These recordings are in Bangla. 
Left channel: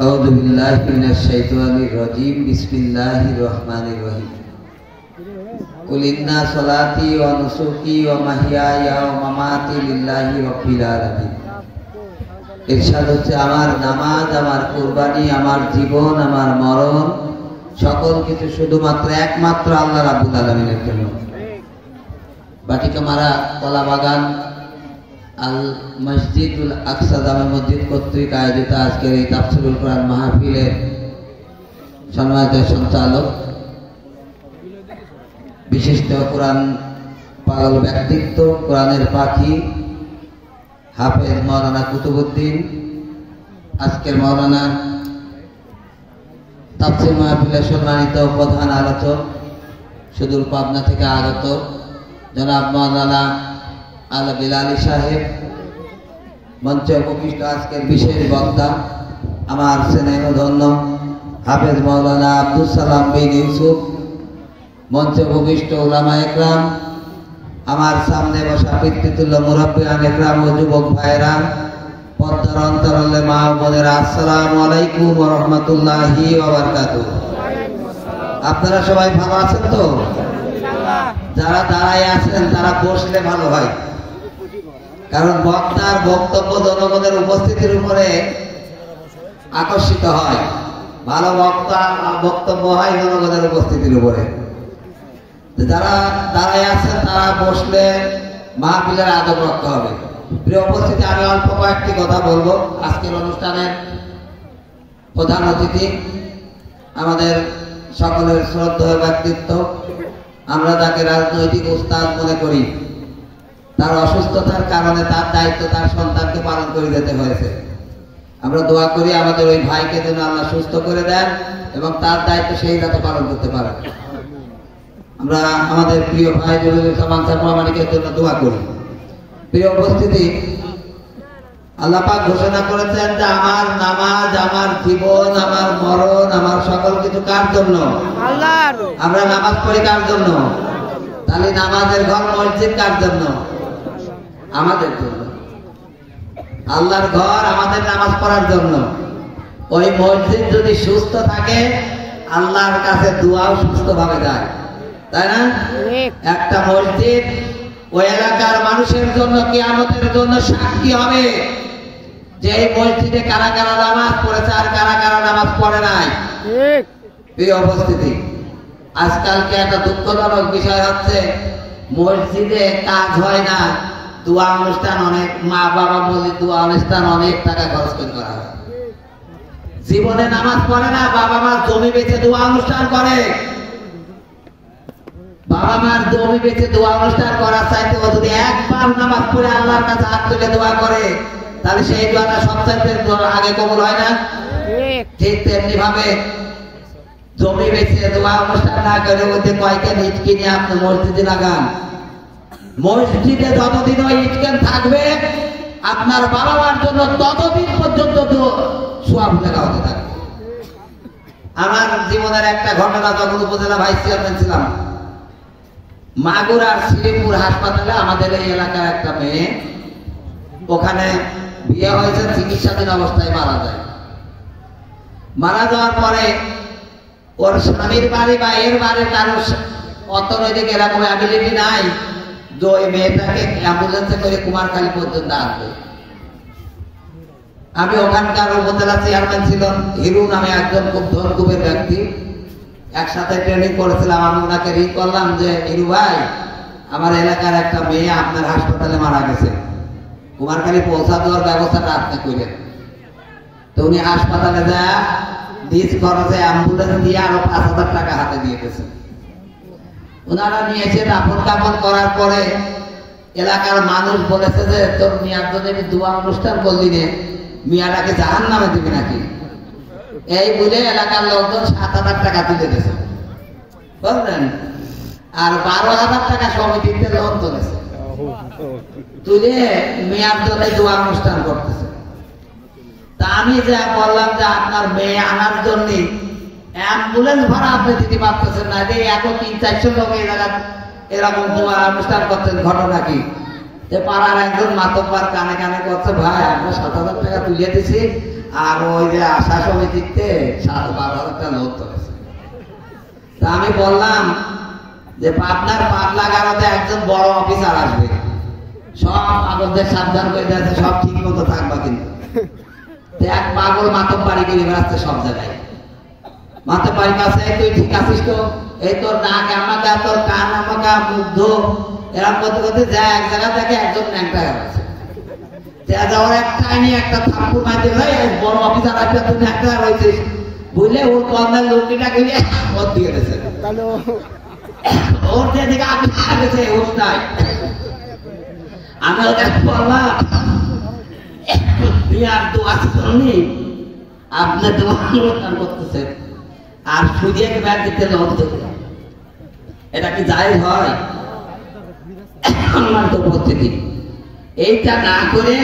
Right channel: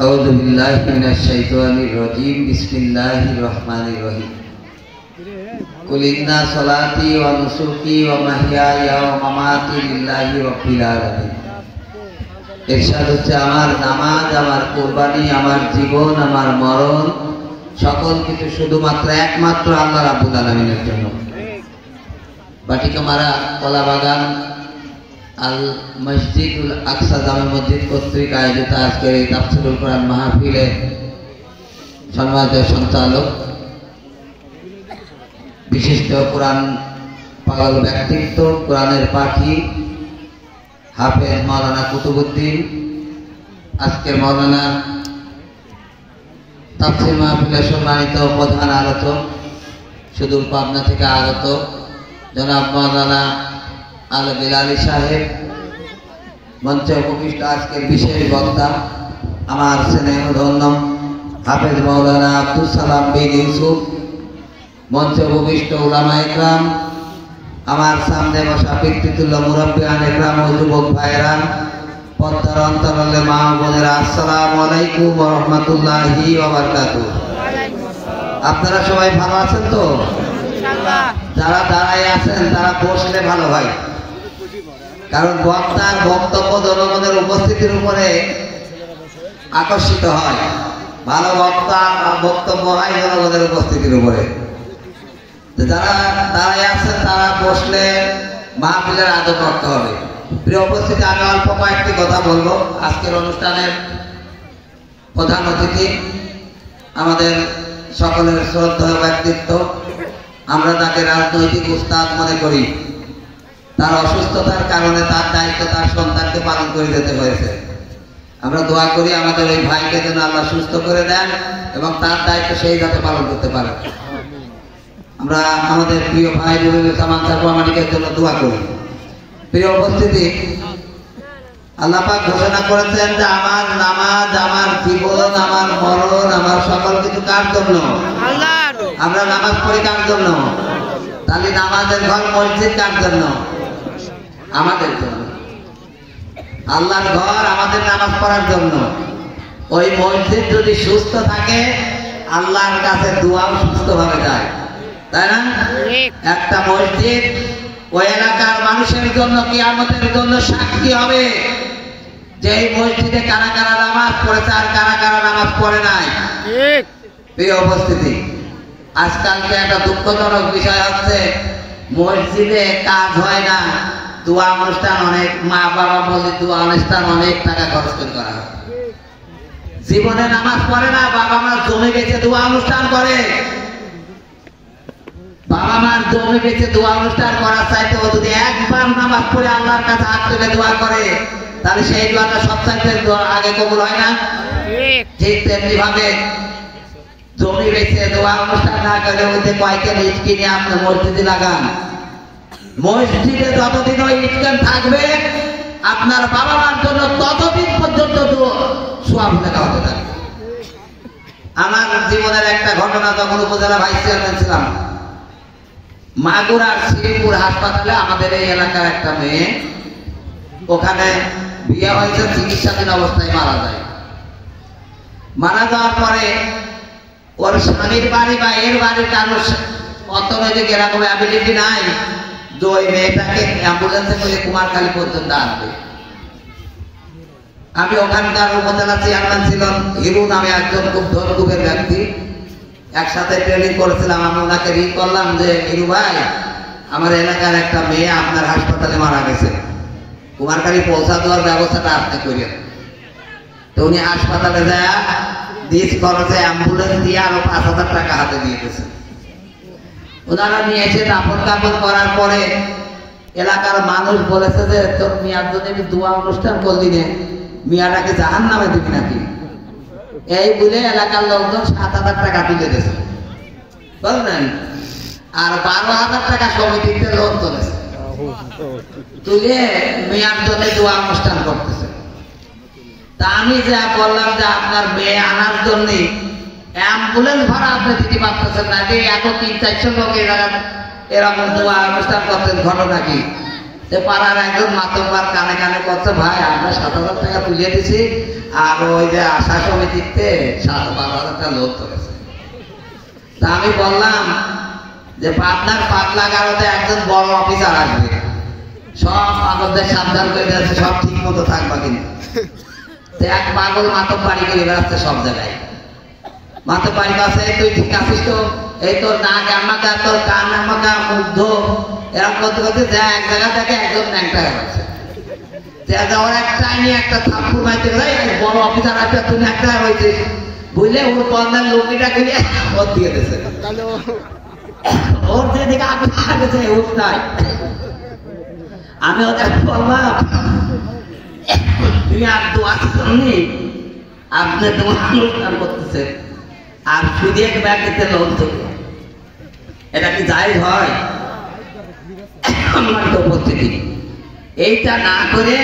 أعوذ بالله من الشيطان الرجيم بسم الله الرحمن الرحيم قل إن صلاتي ونسكي ومحياي ومماتي لله رب العالمين ইরশাদ হচ্ছে আমার নামাজ, আমার কুরবানি, আমার জীবন, আমার মরণ সকল কিছু শুধুমাত্র একমাত্র আল্লাহ রাব্বুল আলামিনের জন্য। বাটিকামারা কলা বাগান আল মসজিদুল আকসা জামে মসজিদ কর্তৃক আয়োজিত আজকের এই তাফসীরুল কোরআন মাহফিলে সম্মানিত সঞ্চালক, বিশিষ্ট কোরআন পাগল ব্যক্তিত্ব, কোরআনের পাখি হাফেজ মাওলানা কুতুবউদ্দিন, আজকের মাওলানা তাফসীর মাহফিলে সম্মানিত প্রধান আলোচক, সুদূর পাবনা থেকে আগত জনাব মাওলানা আল বিলালি সাহেব, মঞ্চে উপবিষ্ট আজকের বিশেষ বক্তা আমার স্নেহধন্য হাফেজ মাওলানা আব্দুল সালাম বিন ইউসুফ, মঞ্চে উপবিষ্ট উলামা ইকরাম, আমার সামনে বসা পিতৃতুল্য মুরব্বিয়ান ইকরাম ও যুবক ভাইয়েরা, পর্দার অন্তরালে মা ও বোনেরা, আসসালামু আলাইকুম ওয়া রাহমাতুল্লাহি ওয়া বারাকাতুহু। আপনারা সবাই ভালো আছেন তো? যারা দাঁড়ায় আছেন তারা বসলে ভালো হয়, কারণ বক্তার বক্তব্য জনগণের উপস্থিতির উপরে আকর্ষিত হয়। ভালো বক্তার বক্তব্য হয় জনগণের উপস্থিতির উপরে। যারা দাঁড়ায় আছেন তারা বসলে মাহফিলের আদব রাখতে হবে। প্রিয় উপস্থিতি, আমি অল্প কয়েকটি কথা বলবো। আজকের অনুষ্ঠানের প্রধান অতিথি আমাদের সকলের শ্রদ্ধেয় ব্যক্তিত্ব, আমরা তাকে রাজনৈতিক উস্তাদ মনে করি। তার অসুস্থতার কারণে তার দায়িত্ব তার সন্তানকে পালন করে যেতে হয়েছে। আমরা দোয়া করি আমাদের ওই ভাইকে যেন আল্লাহ সুস্থ করে দেন এবং তার দায়িত্ব সেই যাতে পালন করতে পারে। আমরা আমাদের প্রিয় ভাই সামান সাহেবের জন্য দোয়া করি। প্রিয় উপস্থিতি, আল্লাহ পাক ঘোষণা করেছেন যে আমার নামাজ, আমার জীবন, আমার মরণ, আমার সকল কিছু কার জন্য? আল্লাহর। আমরা নামাজ পড়ি কার জন্য? তাহলে নামাজের ঘর মসজিদ কার জন্য? আমাদের জন্য। আল্লাহর ঘর আমাদের নামাজ পড়ার জন্য। ওই মসজিদ যদি সুস্থ থাকে আল্লাহর কাছে দোয়াও সুস্থভাবে যায়, তাই না? একটা মসজিদ ওই এলাকার মানুষের জন্য কিয়ামতের জন্য সাক্ষী হবে যে এই মসজিদে কারা কারা নামাজ পড়েছে আর কারা কারা নামাজ পড়ে নাই। প্রিয় উপস্থিতি, আজকালকে একটা দুঃখজনক বিষয় হচ্ছে মসজিদে কাজ হয় না, দোয়া অনুষ্ঠান অনেক, মা বাবা বলে দোয়া অনুষ্ঠান অনেক টাকা খরচ করে করা হয়। জীবনে নামাজ পড়ে না, বাবা মা জমে গেছে দোয়া অনুষ্ঠান করে। বাবা মার জমে গেছে দোয়া অনুষ্ঠান করার চাইতে ও যদি একবার নামাজ পড়ে আল্লাহর কাছে হাত তুলে দোয়া করে তাহলে সেই দোয়াটা সবচাইতে আগে কবুল হয় না? ঠিক তেমনি ভাবে জমি বেঁচে দোয়া অনুষ্ঠান না করে ওদের কয়েকটা ইট কিনে আপনি মসজিদে লাগান। মসজিদে যতদিন ওই ইটকান থাকবে আপনার বাবা মার জন্য ততদিন পর্যন্ত সোয়াব লেখা হতে থাকবে। আমার জীবনের একটা ঘটনা, যখন উপজেলা ভাইস চেয়ারম্যান ছিলাম, মাগুরার শ্রীপুর হাসপাতালে আমাদের এই এলাকার একটা মেয়ে, ওখানে বিয়ে হয়েছে, চিকিৎসাধীন অবস্থায় মারা যায়। মারা যাওয়ার পরে ওর স্বামীর বাড়ি বা এর বাড়ির কারোর অর্থনৈতিক এরকম অ্যাবিলিটি নাই যে ওই মেয়েটাকে অ্যাম্বুলেন্সে করে কুমারখালী পর্যন্ত আসবে। আমি ওখানকার উপজেলা চেয়ারম্যান ছিলাম, হিরু নামে একজন খুব ধনকুবের ব্যক্তি, একসাথে ট্রেনিং করেছিলাম। আমি ওনাকে রিং করলাম যে হিরু ভাই, আমার এলাকার একটা মেয়ে আপনার হাসপাতালে মারা গেছে, কুমারখালী পৌঁছা দেওয়ার ব্যবস্থাটা আপনি করেন। তো উনি হাসপাতালে যায় দিস খরচে অ্যাম্বুলেন্স দিয়ে আরো 5,000 টাকা হাতে দিয়ে গেছে। ওনারা নিয়ে এসে দাফন কাফন করার পরে এলাকার মানুষ বলেছে যে তোর মিয়ার জন্য দোয়া অনুষ্ঠান করলি নে, মিয়াটাকে জাহান নামে দিবি নাকি? এই বলে এলাকার লোকজন 7,000 টাকা তুলে দিয়েছে, বুঝলেন? আর 12,000 টাকা সমিতিতে লোন তুলেছে, তুলে মেয়ার জন্য দোয়া অনুষ্ঠান করতেছে। তা আমি যা বললাম যে আপনার মেয়ে আনার জন্য অ্যাম্বুলেন্স ভাড়া আপনি দিতে পারতেছেন না, যে এত 300-400 লোক এরকম দোয়া অনুষ্ঠান করতেন, ঘটনা কি? পাড়ার একজন মাতব্বার কানে কানে করছে, ভাই আমরা 7,000 টাকা তুলে দিছি, আর ওই যে আশা সমিতিতে 12,000 লোক করেছে। তা আমি বললাম যে পাটনার পাগলা গারোতে একজন বড় অফিসার আসবে, সব পাগলদের সাবধান করে দিয়েছে, সব ঠিক মতো থাকবা কিন্তু। এক পাগল মাতব বাড়ি করে বেড়াচ্ছে সব জায়গায়, মাতব বাড়ি কাছে তুই ঠিক আছিস তো, এই তোর নাক আমাকা, তোর কান আমাকা, মুগ্ধ এরকম করতে করতে যে এক জায়গা থেকে একজন ন্যাংটা হয়েছে। যাওয়ার একটা নিয়ে একটা থাপ্পড় মারতে ভাই বড় অফিসার আসবে, তুই ন্যাংটা হয়েছিস বুঝলে, ওর কর্নার লোকটা গুলিয়ে ওর দিয়ে দিয়েছে। ওর যেদিকে আগেছে ওর নাই, আমি ওকে বললাম তুই আর দোয়া শুননি, আপনি দোয়া করতেছেন আর শুধু এক ব্যাগ দিতে লোক দেবে, এটা কি জায়েজ হয়? সম্মানিত উপস্থিতি, এইটা না করে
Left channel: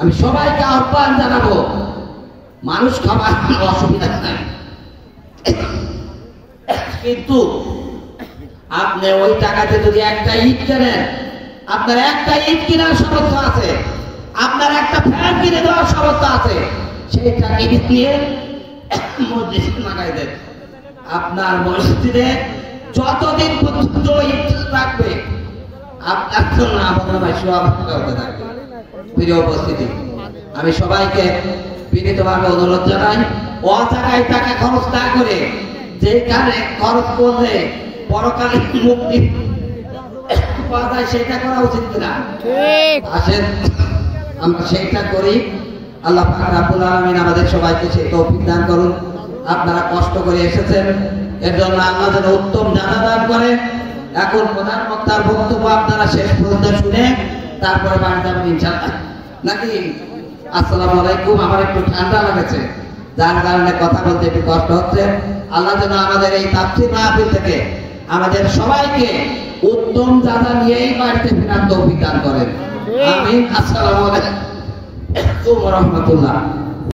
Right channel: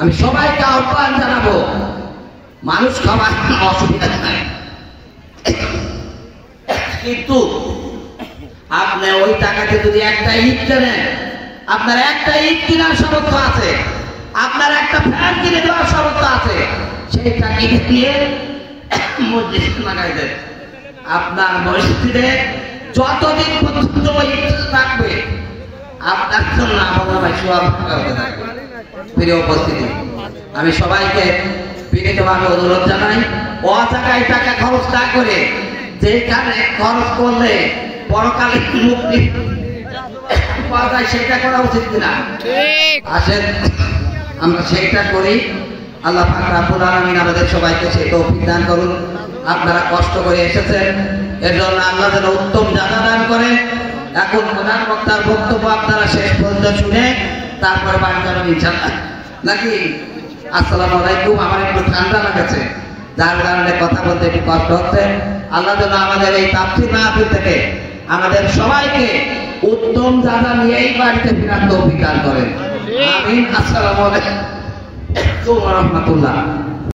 আমি সবাইকে আহ্বান জানাবো, মানুষ খাবার অসুবিধা নাই, কিন্তু আপনি ওই টাকাতে যদি একটা ইট কেনেন, আপনার একটা ইট কেনার সামর্থ্য আছে, আপনার একটা ফ্যান কিনে দেওয়ার সামর্থ্য আছে, সেইটা কিনে দিয়ে মসজিদে লাগাই দেন। আপনার মসজিদে যতদিন পর্যন্ত ইট থাকবে আপনার জন্য আপনার সওয়াব হতে থাকবে। প্রিয় উপস্থিতি, আমি সবাইকে বিনীতভাবে অনুরোধ জানাই, অজাগায় টাকা খরচ না করে যেখানে খরচ করলে পরকালে মুক্তি পাওয়া যায় সেটা করা উচিত কিনা? আসেন আমরা সেইটা করি। আল্লাহ পাক রব্বুল আলামিন আমাদের সবাইকে সেই তৌফিক দান করুন। আপনারা কষ্ট করে এসেছেন, এর জন্য আল্লাহ যেন উত্তম জানা দান করে। এখন প্রধান বক্তার বক্তব্য আপনারা শেষ পর্যন্ত শুনে তারপরে বাড়ি যাবেন ইনশাআল্লাহ, নাকি? আসসালামু আলাইকুম। আমার একটু ঠান্ডা লাগছে, যার কারণে কথা বলতে একটু কষ্ট হচ্ছে। আল্লাহ যেন আমাদের এই তাফসীর মাহফিল থেকে আমাদের সবাইকে উত্তম জানা নিয়েই বাড়িতে ফেরার তৌফিক দান করেন। আমিন। আসসালামু আলাইকুম ওয়া রাহমাতুল্লাহ।